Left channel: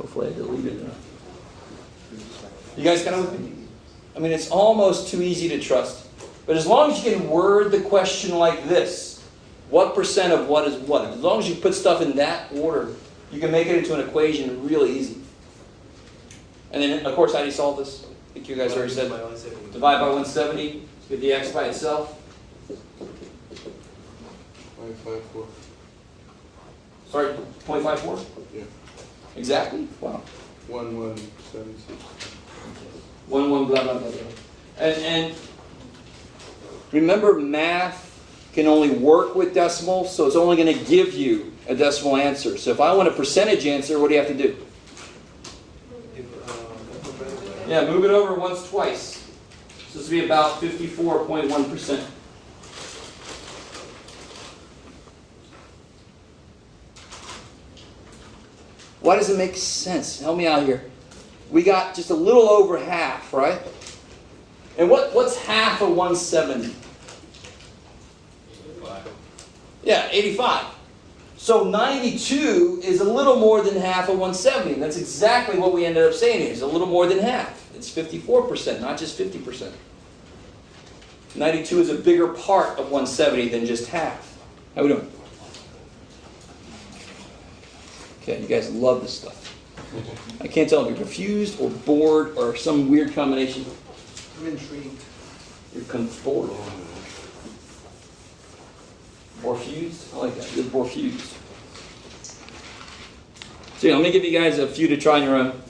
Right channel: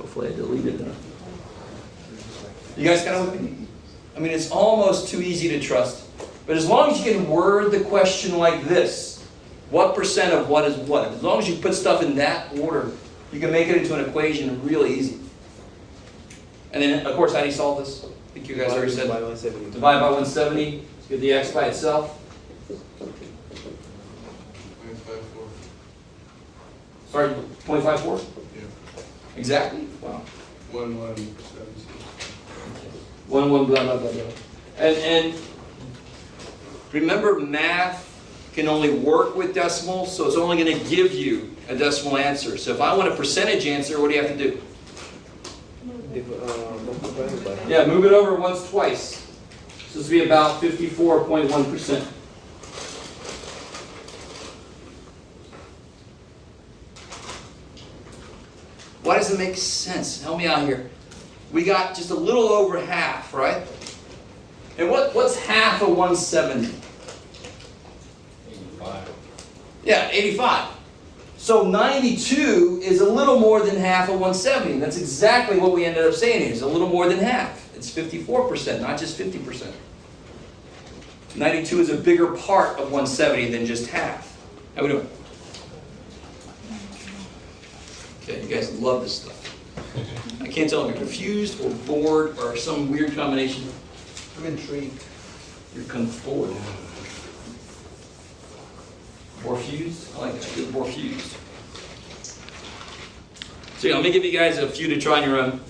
Hopefully I deleted it. You guys kind of, I mean, it's almost too easy to trust. But as long as you can word the question like this, what percent of what is what? As long as you put stuff in that order, you can make it into an equation really easy. And then, of course, how do you solve this? I think you guys already said divide by 170. Get the x by itself. 0.54. Sorry, 0.54? Yeah. Exactly? Wow. 1176. 1, blah, blah, blah, blah. And remember, math can only work with decimals, so it's only going to give you a decimal answer. So if I want a percentage answer, what do you have to do? Yeah, move it over once, twice. So this will be about 54.1%. Why does it make sense? Help me out here. We got just a little over half, right? And what's half of 170? 85. Yeah, 85. So 92 is a little more than half of 170. And that's exactly what we ended up saying here. It's a little more than half. It's 54%, not just 50%. 92 is a bigger part of 170 than just half. How we doing? Okay, you guys love this stuff. I can't tell if you're confused or bored or some weird combination. I'm intrigued. You're bored. Borfused? I like that. You're borfused. So yeah, let me give you guys a few to try on your own.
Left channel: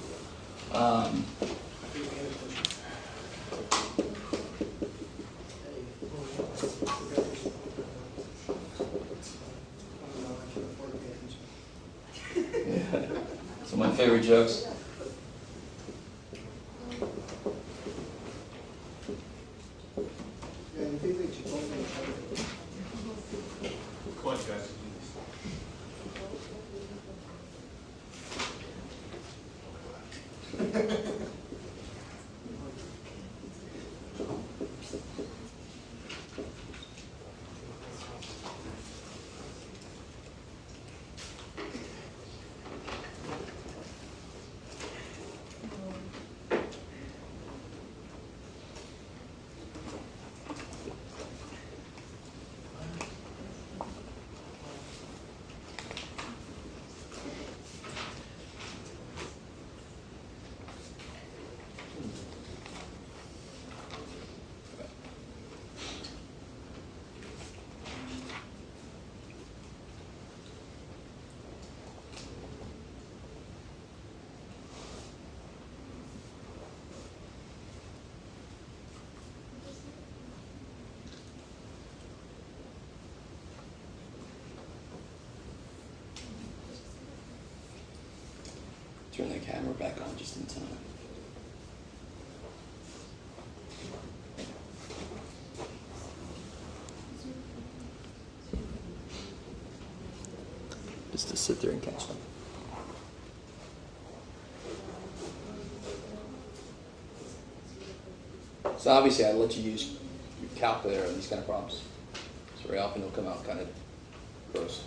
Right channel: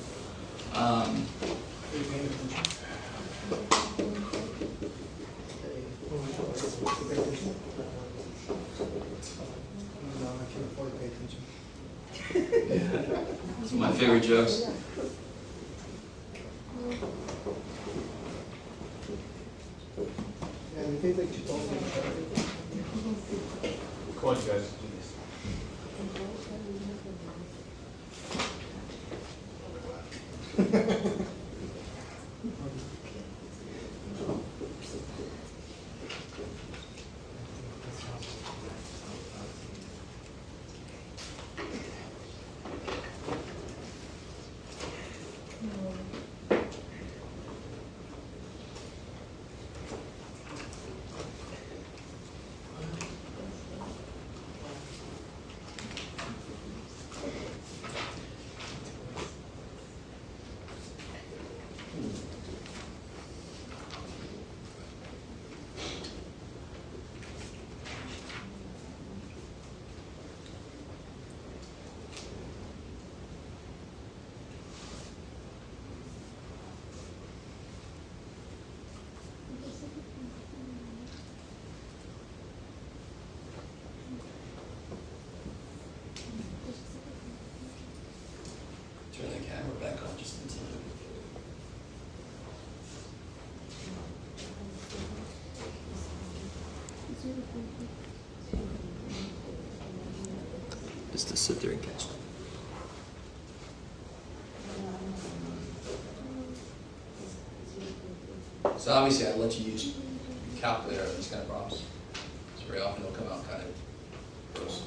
Some of my favorite jokes. Come on, guys. Turn the camera back on just in time. Just to sit there and catch them. So obviously I'd let you use your calculator on these kind of problems. So very often they'll come out kind of gross.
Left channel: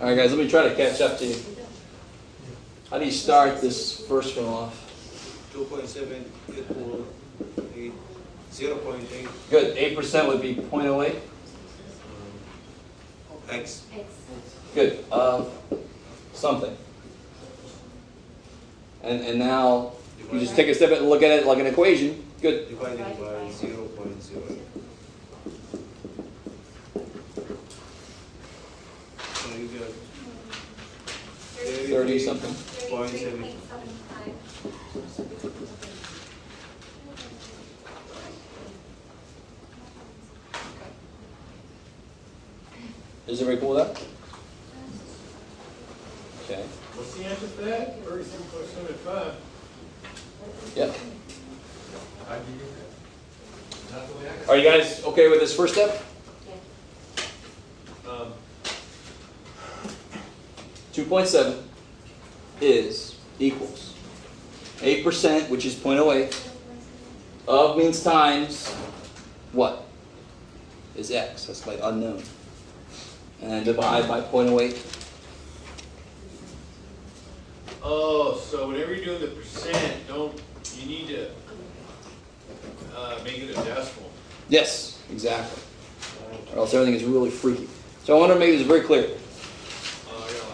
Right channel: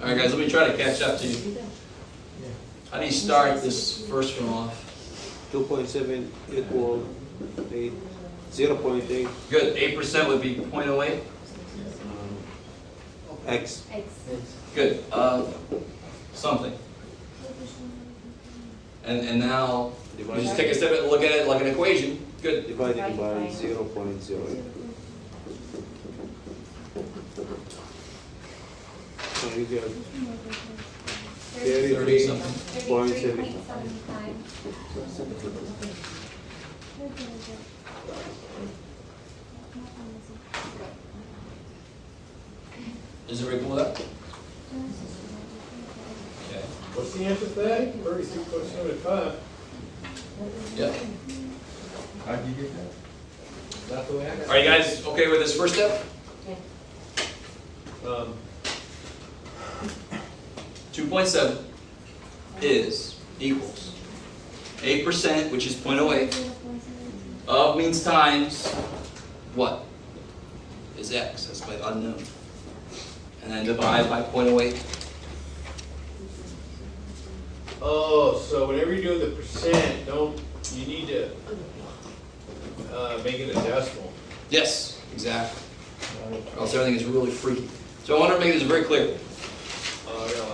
All right, guys, let me try to catch up to you. How do you start this first one off? 2.7 equal 8, 0.8 Good. 8% would be 0.08. x Good. Something. And now you just take a step and look at it like an equation. Good. divided by 0.0. So you get 30 something. 0.7. Is everybody cool with that? Okay. What's the answer to that? 36.75. Yeah. How did you get that? That's the way I got Are you guys okay with this first step? 2.7 is equals 8%, which is 0.08, of means times what? Is x. That's my unknown. And then divide by 0.08. Oh, so whenever you're doing the percent, you need to make it a decimal. Yes, exactly. Or else everything is really freaky. So I want to make this very clear.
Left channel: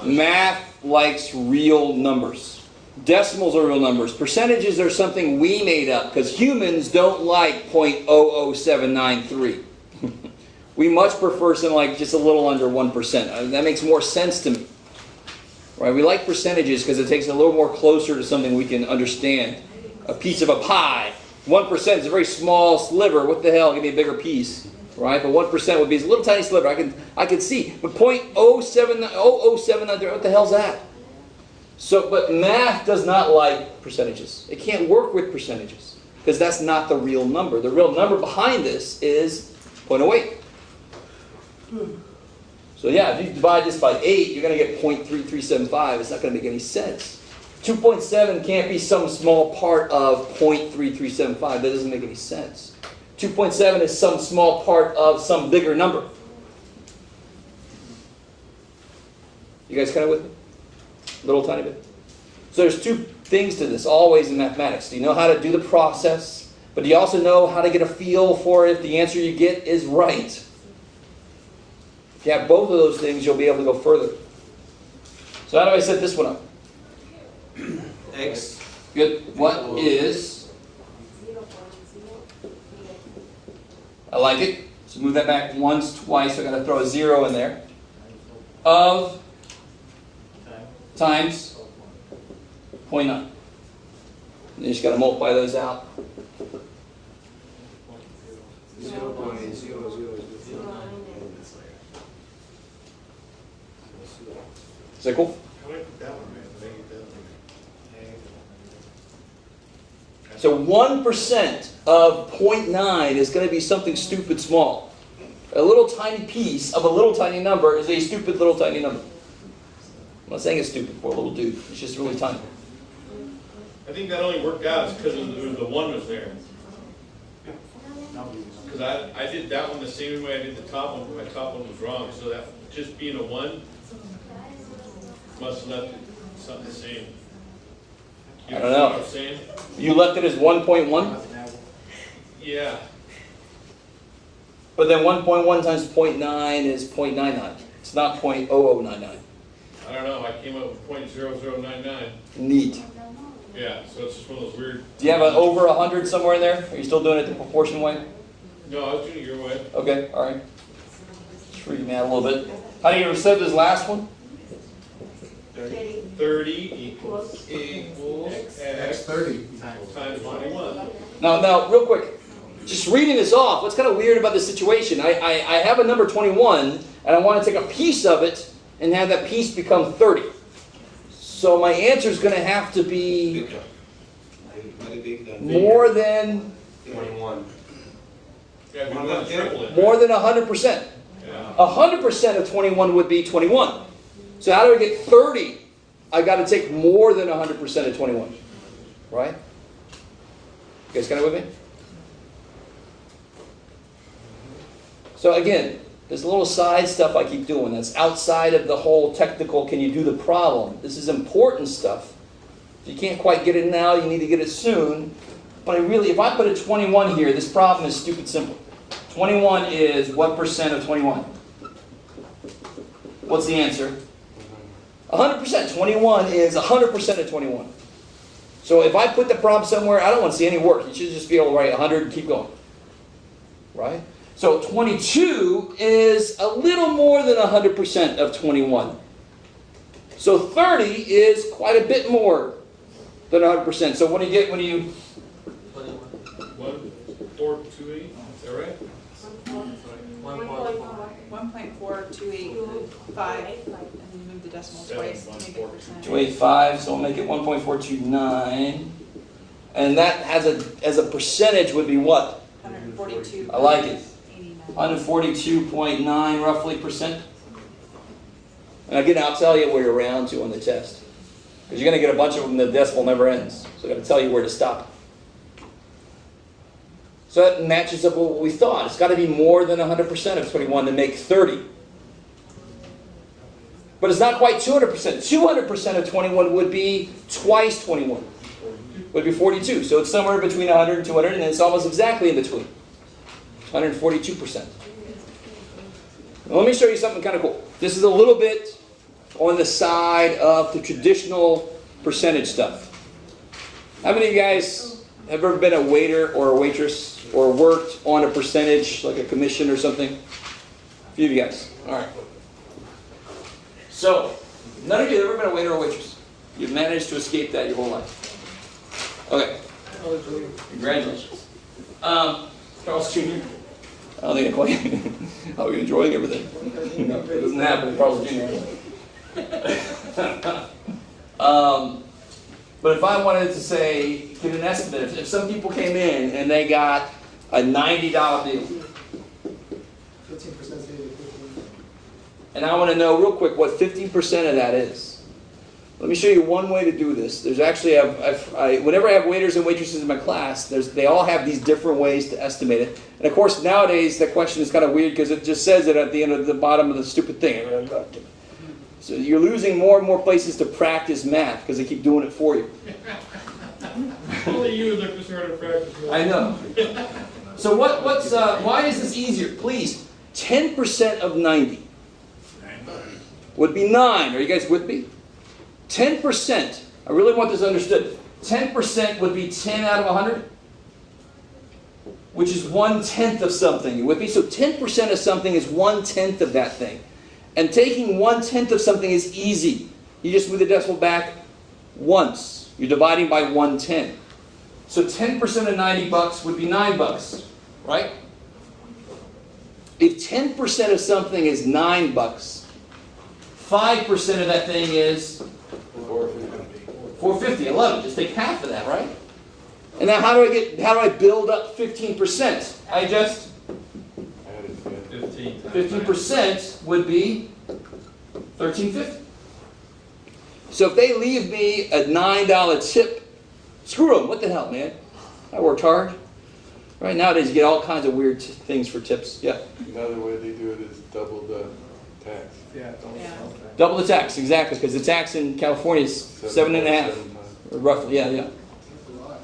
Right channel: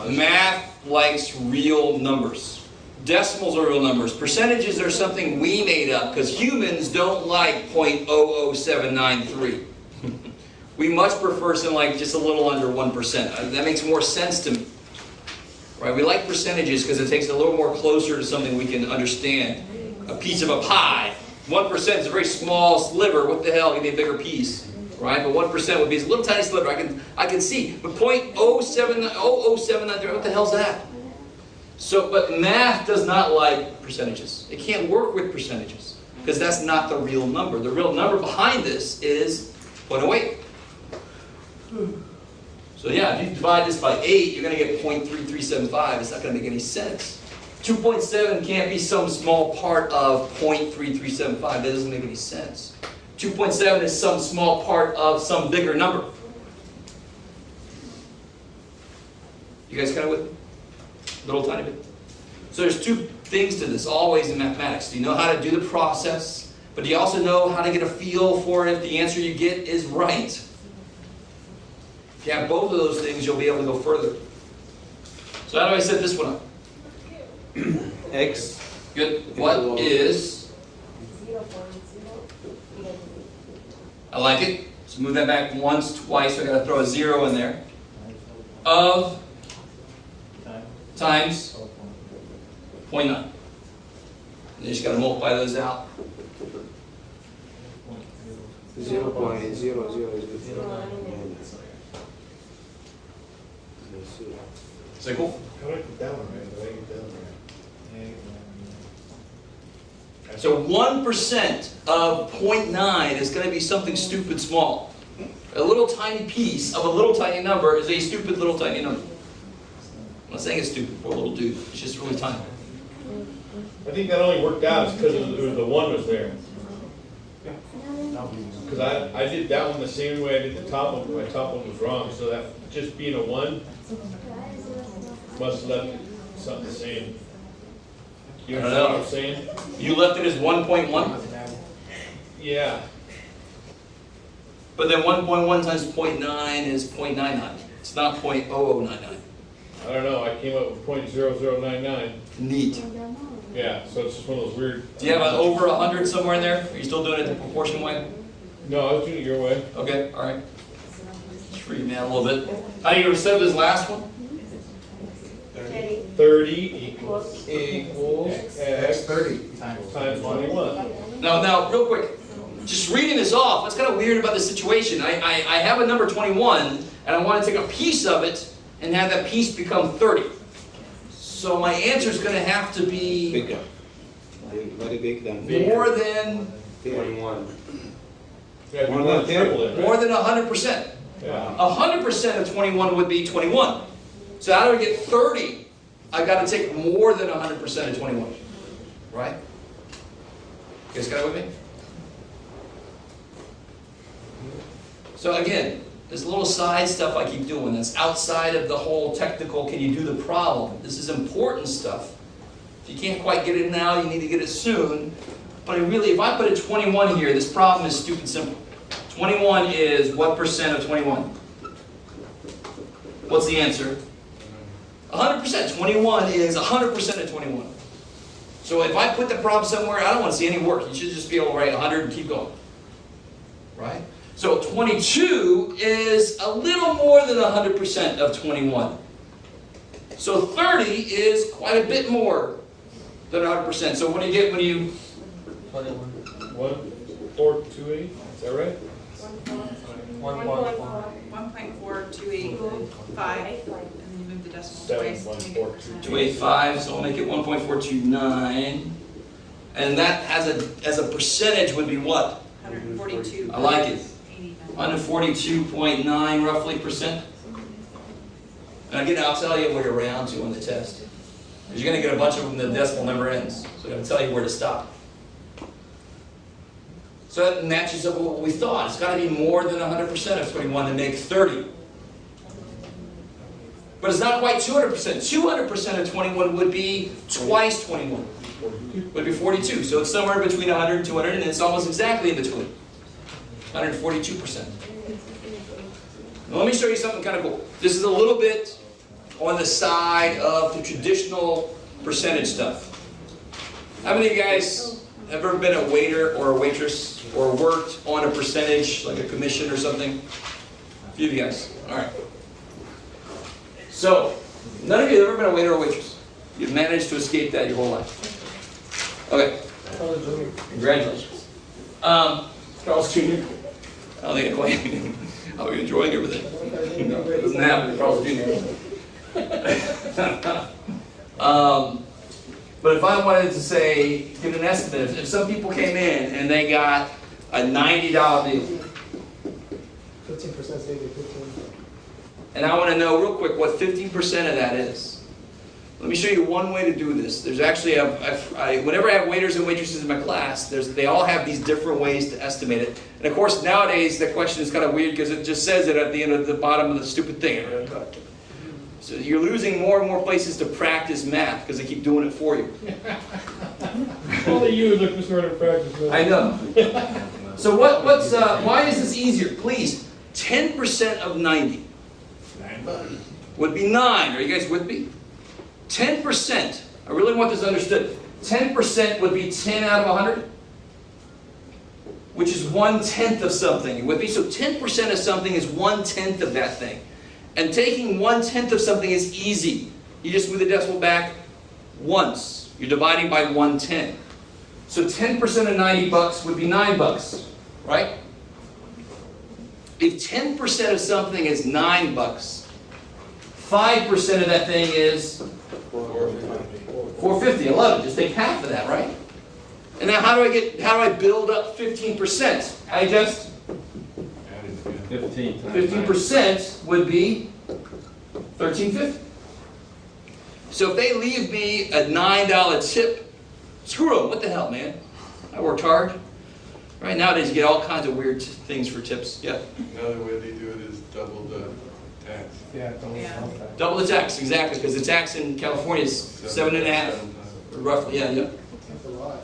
Math likes real numbers. Decimals are real numbers. Percentages are something we made up because humans don't like 0.00793. We much prefer something like just a little under 1%. That makes more sense to me. Right? We like percentages because it takes it a little more closer to something we can understand. A piece of a pie. 1% is a very small sliver. What the hell? Give me a bigger piece. Right? But 1% would be a little tiny sliver. I can see. But 0.00793, what the hell's that? So, but math does not like percentages. It can't work with percentages because that's not the real number. The real number behind this is 0.08. So yeah, if you divide this by 8, you're going to get 0.3375. It's not going to make any sense. 2.7 can't be some small part of 0.3375. That doesn't make any sense. 2.7 is some small part of some bigger number. You guys kind of with me? A little tiny bit. So there's two things to this, always in mathematics. You know how to do the process, but you also know how to get a feel for it if the answer you get is right. If you have both of those things, you'll be able to go further. So how do I set this one up? X. Good. What is? I like it. So move that back once, twice. I got to throw a 0 in there. Of times 0.9. You just got to multiply those out. 0.00 is Is that cool? How do I keep that one, man? How do I keep that one? So 1% of 0.9 is going to be something stupid small. A little tiny piece of a little tiny number is a stupid little tiny number. I'm not saying it's stupid, poor little dude. It's just really tiny. I think that only worked out because the 1 was there. Because I did that one the same way I did the top one. My top one was wrong, so that just being a 1 must have left it something the same. You I don't understand know. what I'm saying? You left it as 1.1, Yeah. but then 1.1 times 0.9 is 0.99. It's not 0.0099. I don't know. I came up with 0.0099. Neat. Yeah, so it's just one of those weird. Do you have an over 100 somewhere in there? Are you still doing it the proportion way? No, I was doing it your way. Okay, all right. Just reading that a little bit. How do you accept this last one? 30 equals X X 30 times 21. Now, real quick. Just reading this off, what's kind of weird about this situation? I have a number 21, and I want to take a piece of it and have that piece become 30. So my answer is going to have to be Bigger. Very big than more than 21. You gotta do More one than triple it. more than 100%. Yeah. 100% of 21 would be 21. So how do I get 30? I got to take more than 100% of 21. Right? You guys got it with me? So again, this little side stuff I keep doing that's outside of the whole technical, can you do the problem? This is important stuff. If you can't quite get it now, you need to get it soon. But if I put a 21 here, this problem is stupid simple. 21 is what percent of 21? What's the answer? 100%. 21 is 100% of 21. So if I put the problem somewhere, I don't want to see any work. You should just be able to write 100 and keep going. Right? So 22 is a little more than 100% of 21. So 30 is quite a bit more than 100%. So when you 1.428, is that right? 1.4285, and then move the decimal twice to make it percent. 285, so I'll make it 1.429. And that as a percentage would be what? 142. I like it. 142.9 roughly percent. And again, I'll tell you where you're round to on the test. Because you're going to get a bunch of them, the decimal never ends. So I'm going to tell you where to stop. So that matches up with what we thought. It's got to be more than 100% of 21 to make 30. But it's not quite 200%. 200% of 21 would be twice 21. Would be 42. So it's somewhere between 100 and 200, and it's almost exactly in between. 142%. Now, let me show you something kind of cool. This is a little bit on the side of the traditional percentage stuff. How many of you guys have ever been a waiter or a waitress or worked on a percentage, like a commission or something? A few of you guys. All right. So, none of you have ever been a waiter or waitress. You've managed to escape that your whole life. Okay. Congratulations. Carl's Jr. I don't think I quite. How are you enjoying everything? No, it doesn't happen. Carl's Jr. But if I wanted to say, get an estimate, if some people came in and they got a $90 deal, 15% saving, 15. and I want to know real quick what 15% of that is. Let me show you one way to do this. There's actually, whenever I have waiters and waitresses in my class, they all have these different ways to estimate it. And of course, nowadays, the question is kind of weird because it just says it at the end of the bottom of the stupid thing. So you're losing more and more places to practice math because they keep doing it for you. Only you look to start to practice. I know. So why is this easier? Please, 10% of 90 would be 9. Are you guys with me? 10%, I really want this understood. 10% would be 10 out of 100, which is 1/10 of something. You with me? So 10% of something is 1/10 of that thing. And taking 1/10 of something is easy. You just move the decimal back once. You're dividing by 1/10. So 10% of $90 would be $9, right? If 10% of something is $9, 5% of that thing is $4.50. I love it. Just take half of that, right? And now how do I build up 15%? I just 15% would be $13.50. So if they leave me a $9 tip, screw them. What the hell, man? I worked hard. Right nowadays, you get all kinds of weird things for tips. Yeah. Another way they do it is double the tax. Yeah, don't Double the tax, exactly, because the tax in California is 7.5, roughly. Yeah. That's a lot.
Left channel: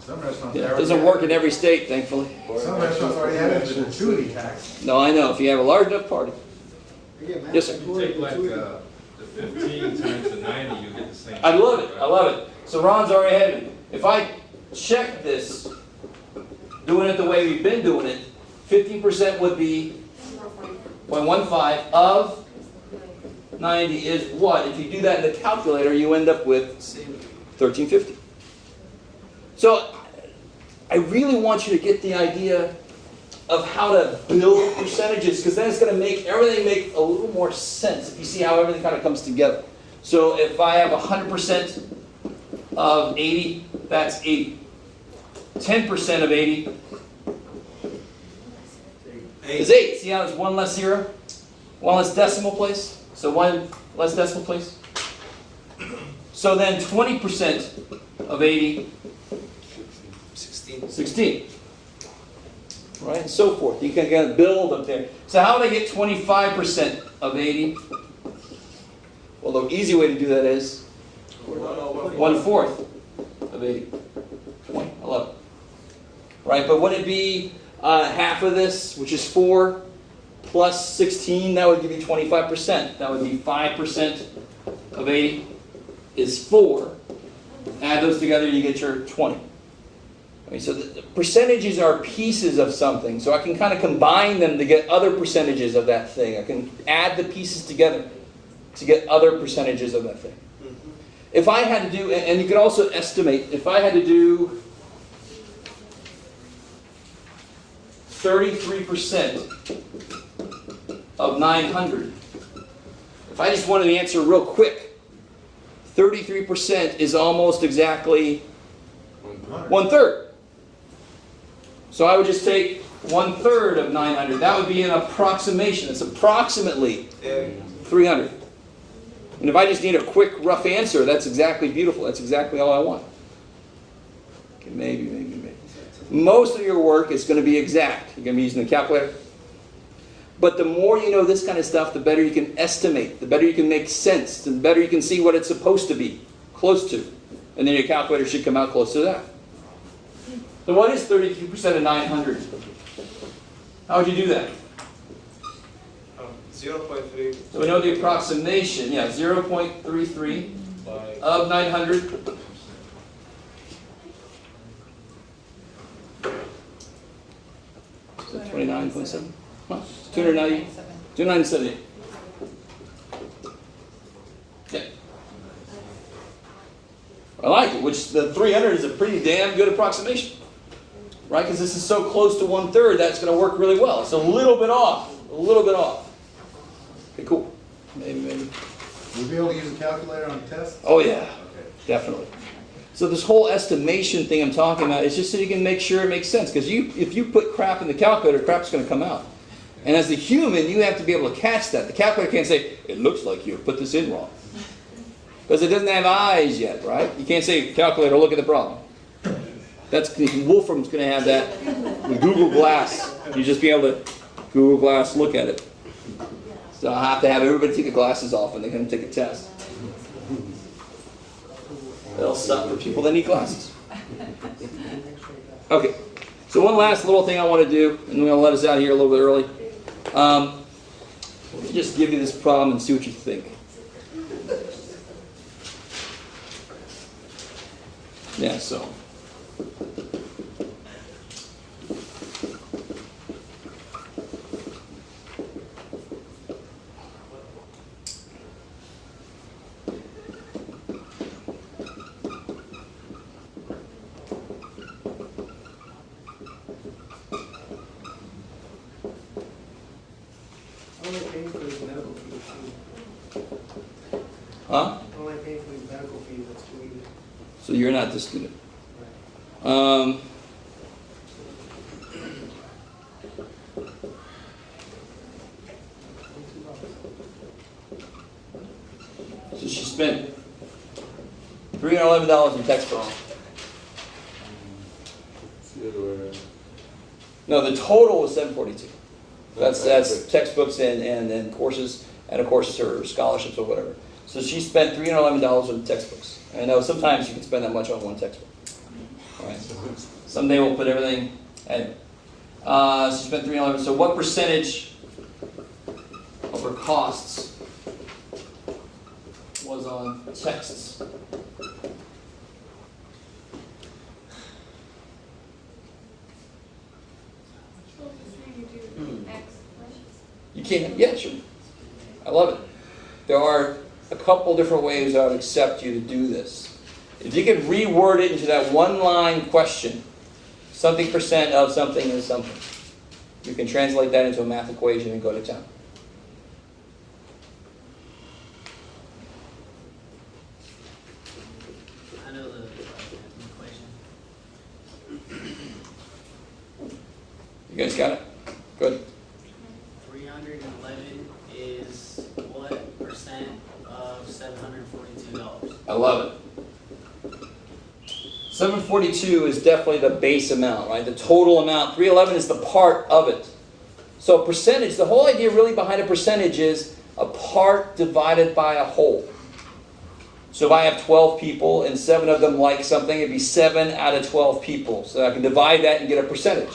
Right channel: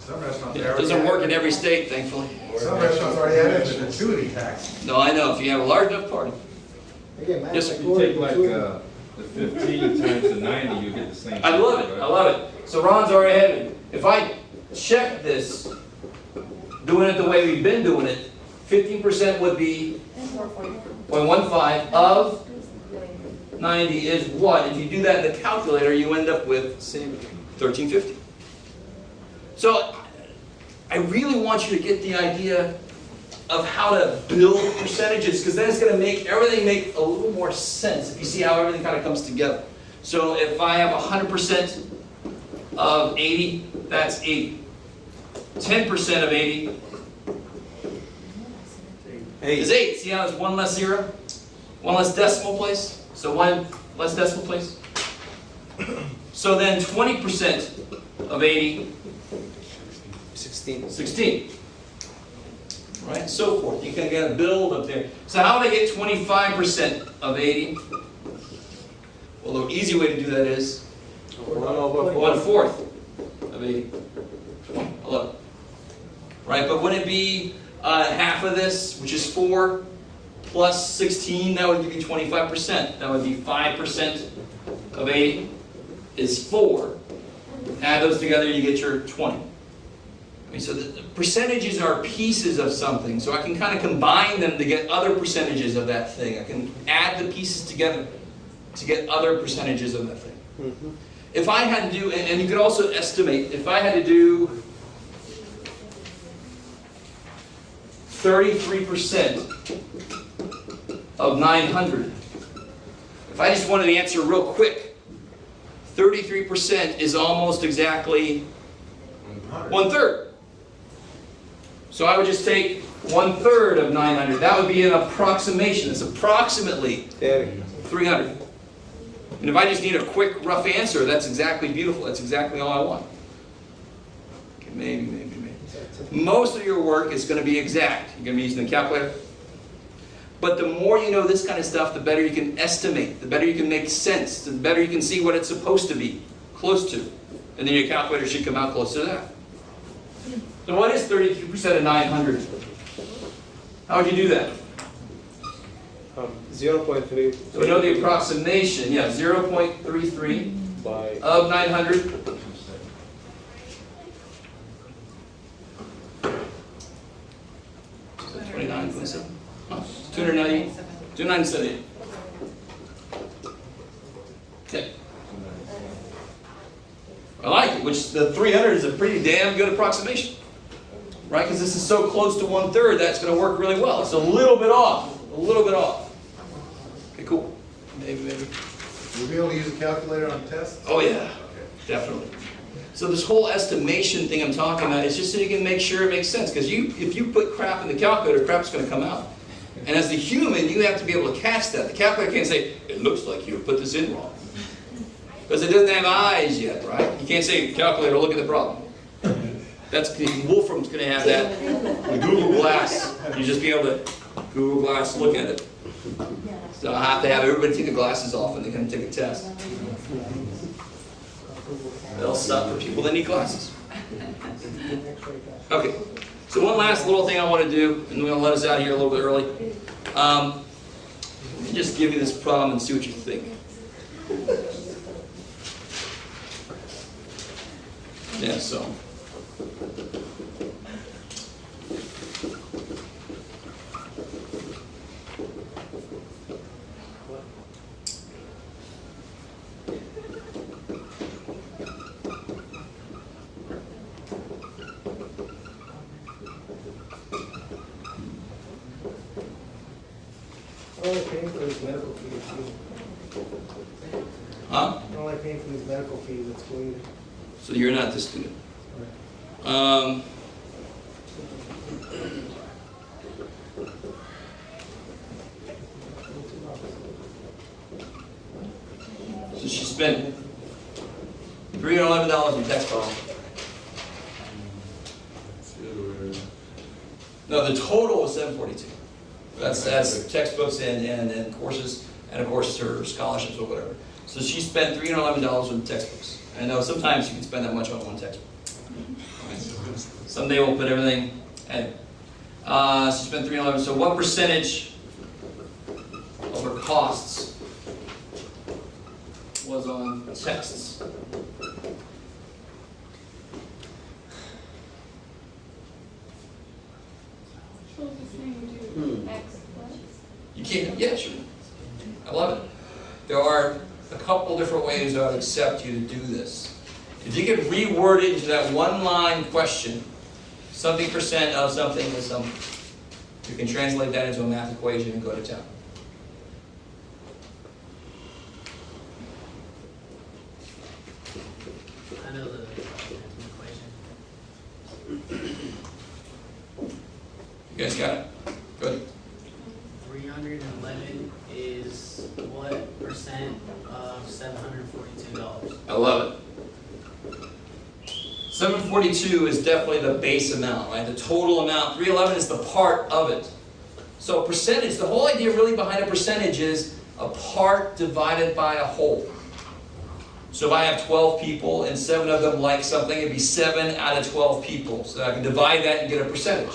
Some restaurants It doesn't work in every state, thankfully. Some restaurants already added the gratuity tax. No, I know. If you have a large enough party. They get mad Yes, at sir. the You take like gratuity. the 15 times the 90, you get the same. I love it. right? I love it. So Ron's already ahead of me. If I check this, doing it the way we've been doing it, 15% would be 0.15 of 90 is what? If you do that in the calculator, you end up with 1350. So I really want you to get the idea of how to build percentages, because then it's going to make everything make a little more sense if you see how everything kind of comes together. So if I have 100% of 80, that's 80. 10% of 80 is 8. See how there's one less zero? One less decimal place? So one less decimal place? So then 20% of 80, 16. Right? And so forth. You can kind of build up there. So how would I get 25% of 80? Well, the easy way to do that is 1/4 of 80. 11. Right? But would it be half of this, which is 4, plus 16? That would give you 25%. That would be 5% of 80 is 4. Add those together, you get your 20. Okay, so the percentages are pieces of something. So I can kind of combine them to get other percentages of that thing. I can add the pieces together to get other percentages of that thing. Mm-hmm. If I had to do, and you could also estimate, if I had to do 33% of 900, if I just wanted the answer real quick, 33% is almost exactly 1/3. So I would just take 1/3 of 900. That would be an approximation. It's approximately 300. And if I just need a quick, rough answer, that's exactly beautiful. That's exactly all I want. Okay, maybe. Most of your work is going to be exact. You're going to be using the calculator. But the more you know this kind of stuff, the better you can estimate, the better you can make sense, the better you can see what it's supposed to be, close to. And then your calculator should come out close to that. So what is 32% of 900? How would you do that? 0.3. So we know the approximation, 0.33 of 900. So 29.7. 297. Okay. I like it, which the 300 is a pretty damn good approximation. Right? Because this is so close to 1/3, that's going to work really well. It's a little bit off. Okay, cool. Maybe. You'll be able to use a calculator on tests? Oh, yeah. Okay. Definitely. So this whole estimation thing I'm talking about is just so you can make sure it makes sense. Because if you put crap in the calculator, crap's going to come out. And as a human, you have to be able to catch that. The calculator can't say, it looks like you put this in wrong. Because it doesn't have eyes yet, right? You can't say, calculator, look at the problem. Wolfram's going to have that with Google Glass. You just be able to Google Glass, look at it. So I have to have everybody take the glasses off and they're going to take a test. They'll stop for people that need glasses. Okay. So one last little thing I want to do, and we're going to let us out of here a little bit early. Let me just give you this problem and see what you think. Yeah, so. Only paying for his medical fees. Huh? Only paying for his medical fees, that's weird. So you're not the student. So she spent $311 in textbooks. No, the total was $742. That's textbooks and courses, and of course her scholarships or whatever. So she spent $311 on textbooks. I know sometimes you can spend that much on one textbook. Right? Someday we'll put everything. Anyway, she spent $311. So what percentage of her costs was on texts? So the same can, yeah, sure. I love it. There are a couple different ways I would accept you to do this. If you could reword it into that one line question, something percent of something is something, you can translate that into a math equation and go to town. I know the equation. You guys got it? Good. 311 is what percent of $742? I love it. 742 is definitely the base amount, right? The total amount. 311 is the part of it. So percentage, the whole idea really behind a percentage is a part divided by a whole. So if I have 12 people and 7 of them like something, it'd be 7 out of 12 people. So I can divide that and get a percentage.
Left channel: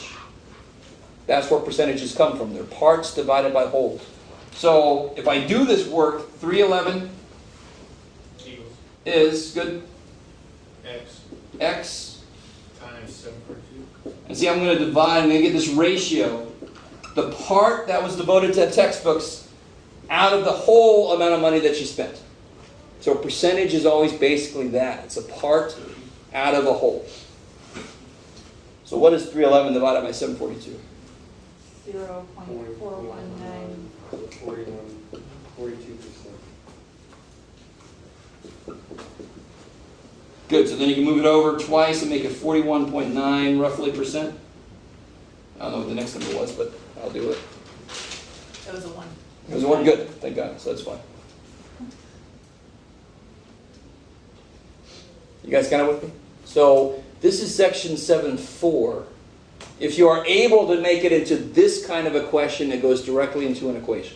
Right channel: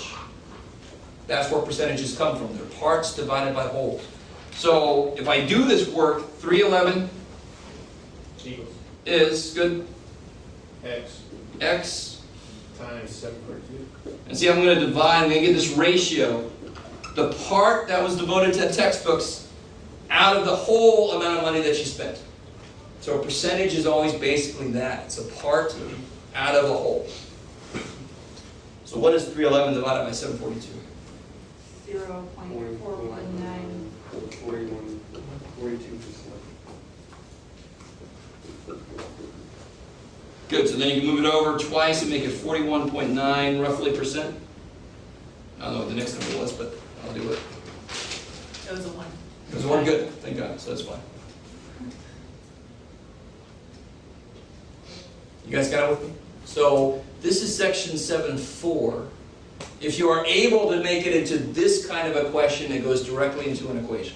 That's where percentages come from. They're parts divided by wholes. So if I do this work, 311 Equals is good. X times 742. and see, I'm going to divide and then get this ratio. The part that was devoted to textbooks out of the whole amount of money that you spent. So a percentage is always basically that. It's a part out of a whole. So what is 311 divided by 742? 0.419. 42%. Good, so then you can move it over twice and make it 41.9 roughly percent. I don't know what the next number was, but I'll do it. That was a 1. It was one good, thank God, so that's fine. You guys got it with me? So this is section 7.4. If you are able to make it into this kind of a question that goes directly into an equation.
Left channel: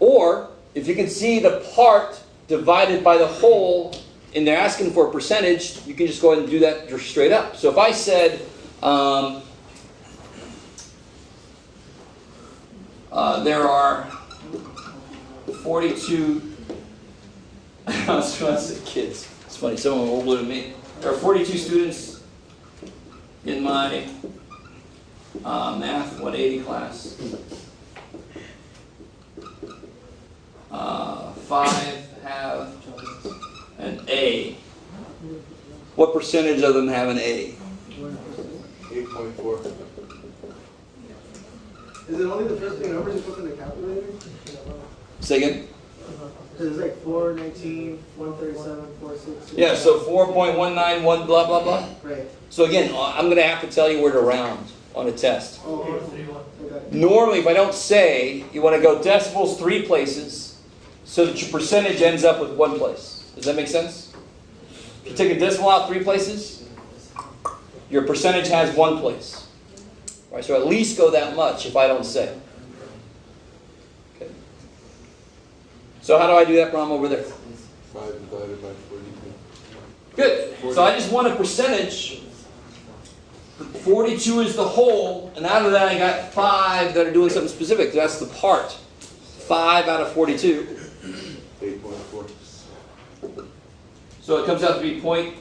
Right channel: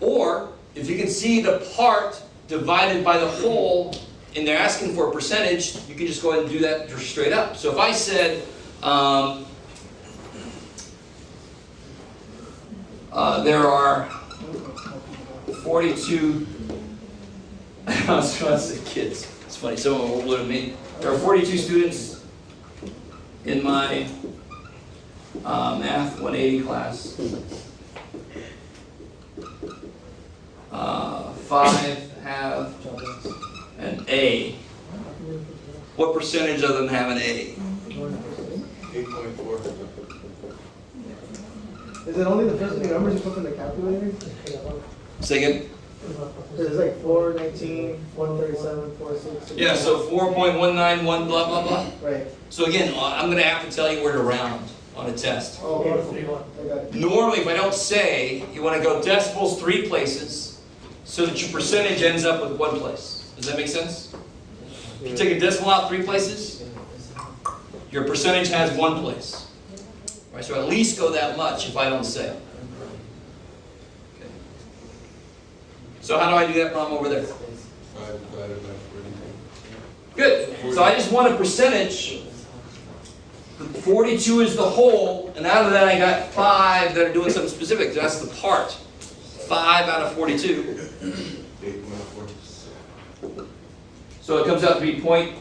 Or, if you can see the part divided by the whole, and they're asking for a percentage, you can just go ahead and do that just straight up. So if I said, there are 42, I was trying to say kids, it's funny, someone older than me. There are 42 students in my Math 180 class. 5 have an A. What percentage of them have an A? 8.4. Is it only the first 3 numbers you put in the calculator? Say again? There's like 419, 137, 466. Yeah, so 4.191 blah blah blah. Right. So again, I'm going to have to tell you where to round on a test. Oh, okay. I got it. Normally, if I don't say, you want to go decimals 3 places so that your percentage ends up with 1 place. Does that make sense? If you take a decimal out 3 places, your percentage has 1 place. Right, so at least go that much if I don't say. Okay. So how do I do that problem over there? 5 divided by 42. Good. So I just want a percentage. 42 is the whole, and out of that I got 5 that are doing something specific. That's the part. 5 out of 42. 8.4. So it comes out to be point.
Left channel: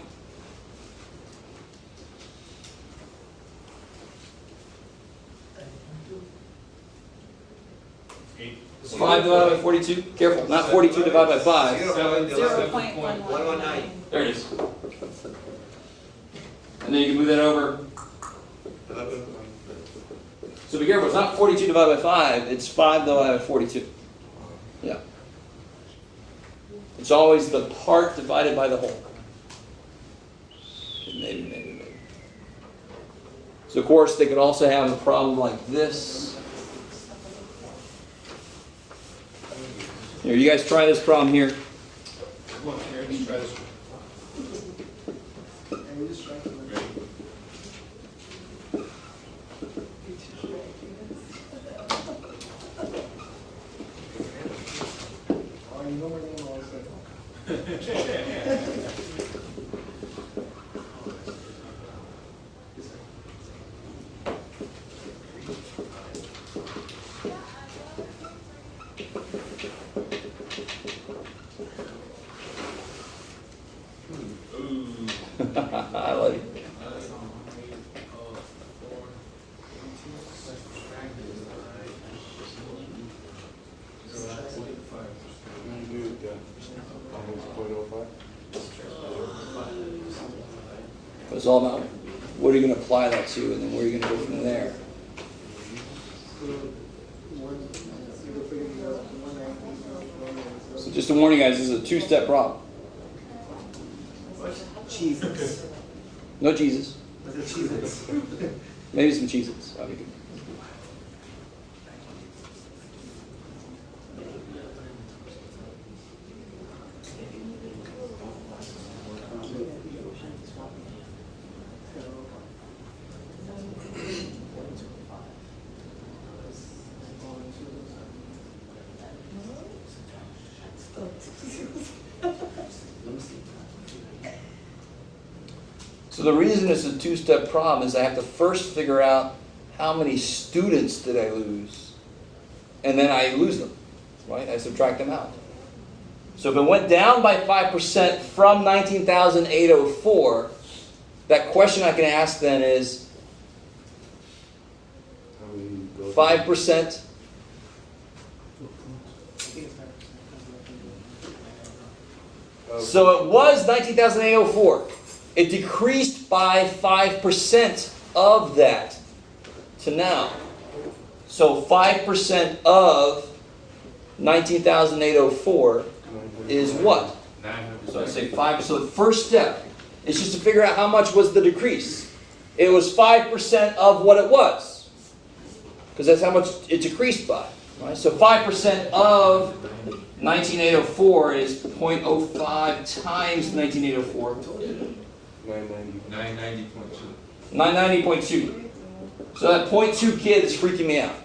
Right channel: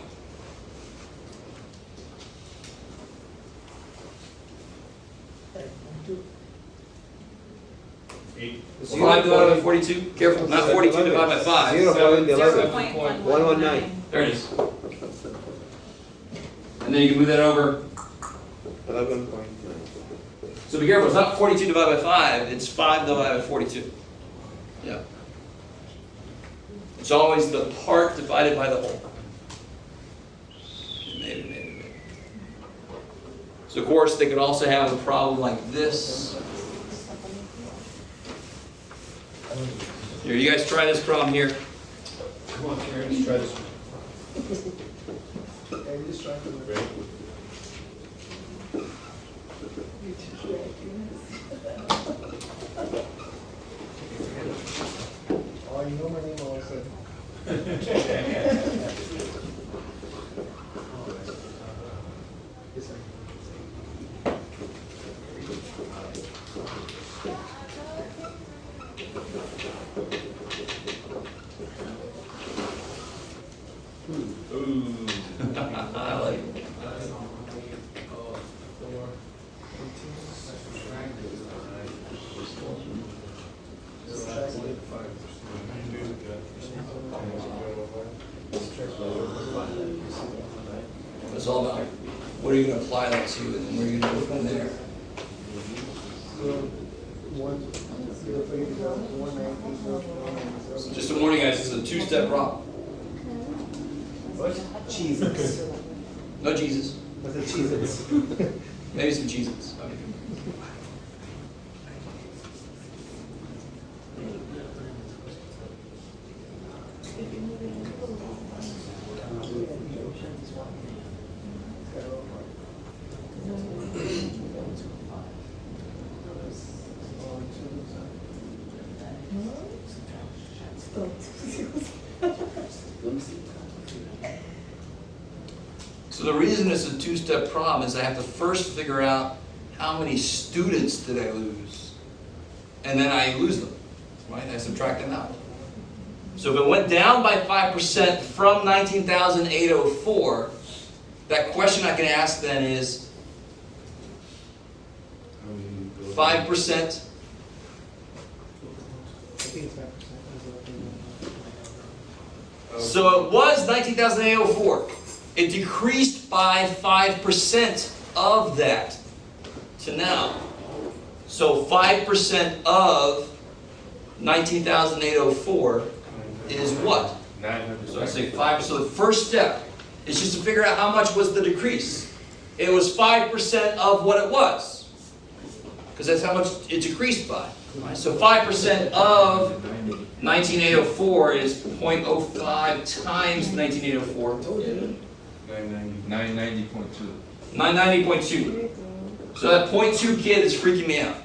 Eight. 5 divided by 42. Careful, not 42 divided by 5. 0.119. There it is. And then you can move that over. 11.9. So be careful, it's not 42 divided by 5, it's 5 divided by 42. Yeah. It's always the part divided by the whole. Maybe. So of course they could also have a problem like this. Here, you guys try this problem here. Come on, here, let's try this one. Yeah, you just try to. Oh, you know my name all of a sudden. Ooh. I like it. It's all about what are you going to apply that to, and where are you going to go from there. So just to warn you guys, this is a two-step problem. Jesus. No Jesus. What's a Jesus? Maybe some Cheez-Its. So the reason it's a two-step problem is I have to first figure out how many students did I lose. And then I lose them, right? I subtract them out. So if it went down by 5% from 19,804, that question I can ask then is 5%. So it was 19,804. It decreased by 5% of that to now. So 5% of 19,804 is what? 900. So I say 5. So the first step is just to figure out how much was the decrease. It was 5% of what it was. Because that's how much it decreased by. Right? So 5% of 19,804 is 0.05 times 19,804. 990.2. 990.2. So that 0.2 kid is freaking me out.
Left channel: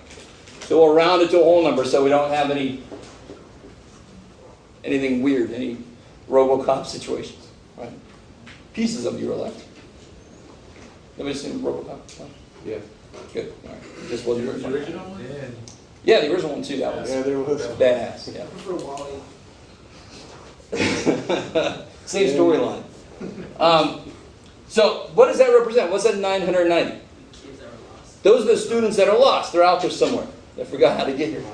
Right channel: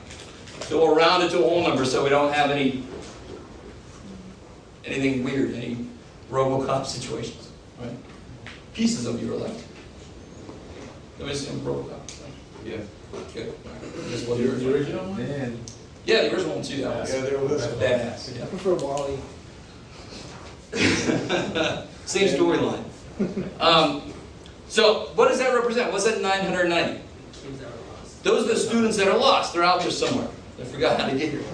So we'll round it to a whole number so we don't have anything weird, any RoboCop situations. Right? Pieces of you are left. Nobody seen RoboCop? Yeah. Good. All right. This was the original. Then Yeah, the original one too. That was Yeah, there was. badass. I prefer Wally. Yeah. Same storyline. So what does that represent? What's that 990? Kids are lost. Those are the students that are lost. They're out there somewhere. They forgot how to get here.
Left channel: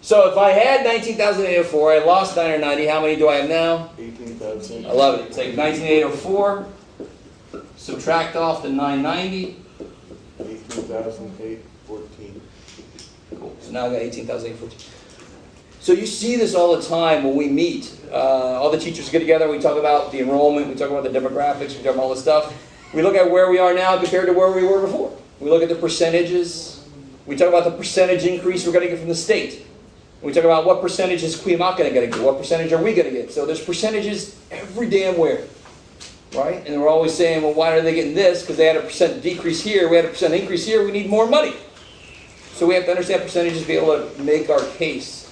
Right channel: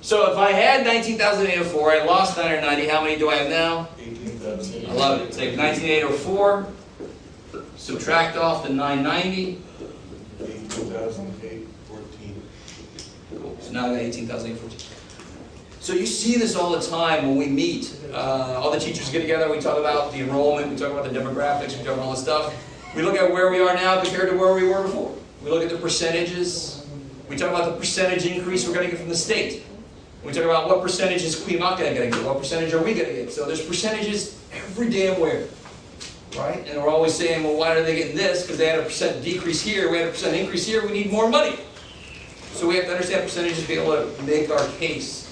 So if I had 19,804, I lost 990. How many do I have now? 18,000. I love it. Take 19,804, subtract off the 990. 18,814. Cool. So now I got 18,814. So you see this all the time when we meet. All the teachers get together. We talk about the enrollment. We talk about the demographics. We talk about all this stuff. We look at where we are now compared to where we were before. We look at the percentages. We talk about the percentage increase we're going to get from the state. We talk about what percentage is Quemock going to get. What percentage are we going to get? So there's percentages every damn where. Right? And we're always saying, well, why are they getting this? Because they had a percent decrease here. We had a percent increase here. We need more money. So we have to understand percentages to be able to make our case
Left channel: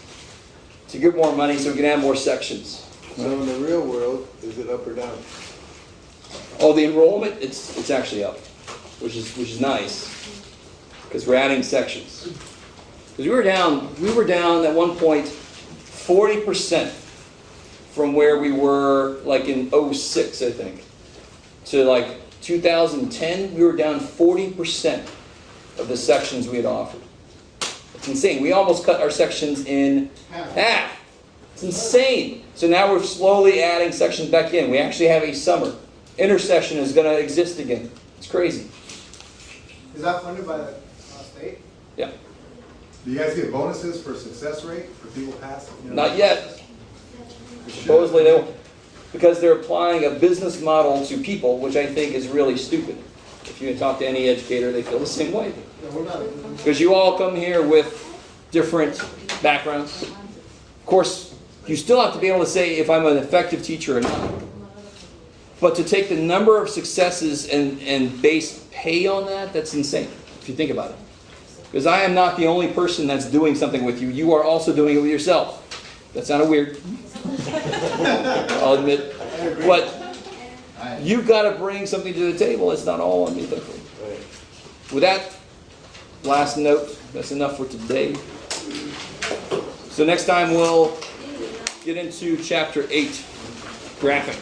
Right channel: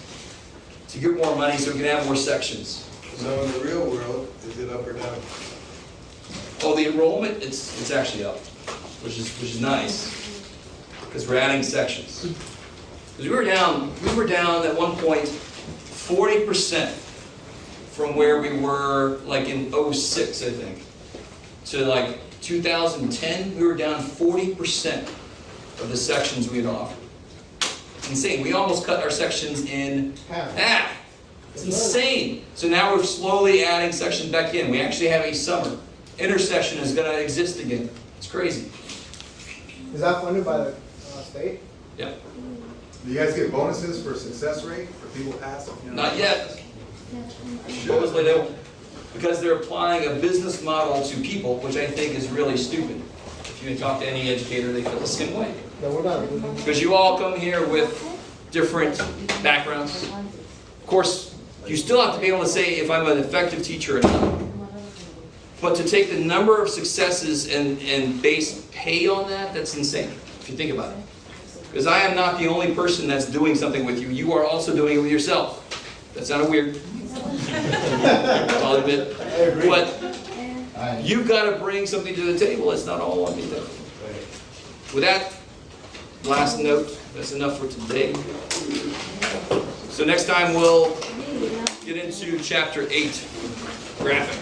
to get more money so we can have more sections. So in the real world, is it up or down? Oh, the enrollment, it's actually up, which is nice because we're adding sections. Because we were down at one point 40% from where we were like in 06, I think. So like 2010, we were down 40% of the sections we had offered. It's insane. We almost cut our sections in half. It's insane. So now we're slowly adding sections back in. We actually have a summer. Intersection is going to exist again. It's crazy. Is that funded by the state? Yeah. Do you guys get bonuses for success rate for people passing? Not yet. Supposedly they will. Because they're applying a business model to people, which I think is really stupid. If you can talk to any educator, they feel the same way. No, we're not. Because you all come here with different backgrounds. Of course, you still have to be able to say if I'm an effective teacher or not. But to take the number of successes and base pay on that, that's insane, if you think about it. Because I am not the only person that's doing something with you. You are also doing it with yourself. That sounded weird. I'll admit. But you've got to bring something to the table. It's not all on me. With that last note, that's enough for today. So next time we'll get into chapter 8, graphic.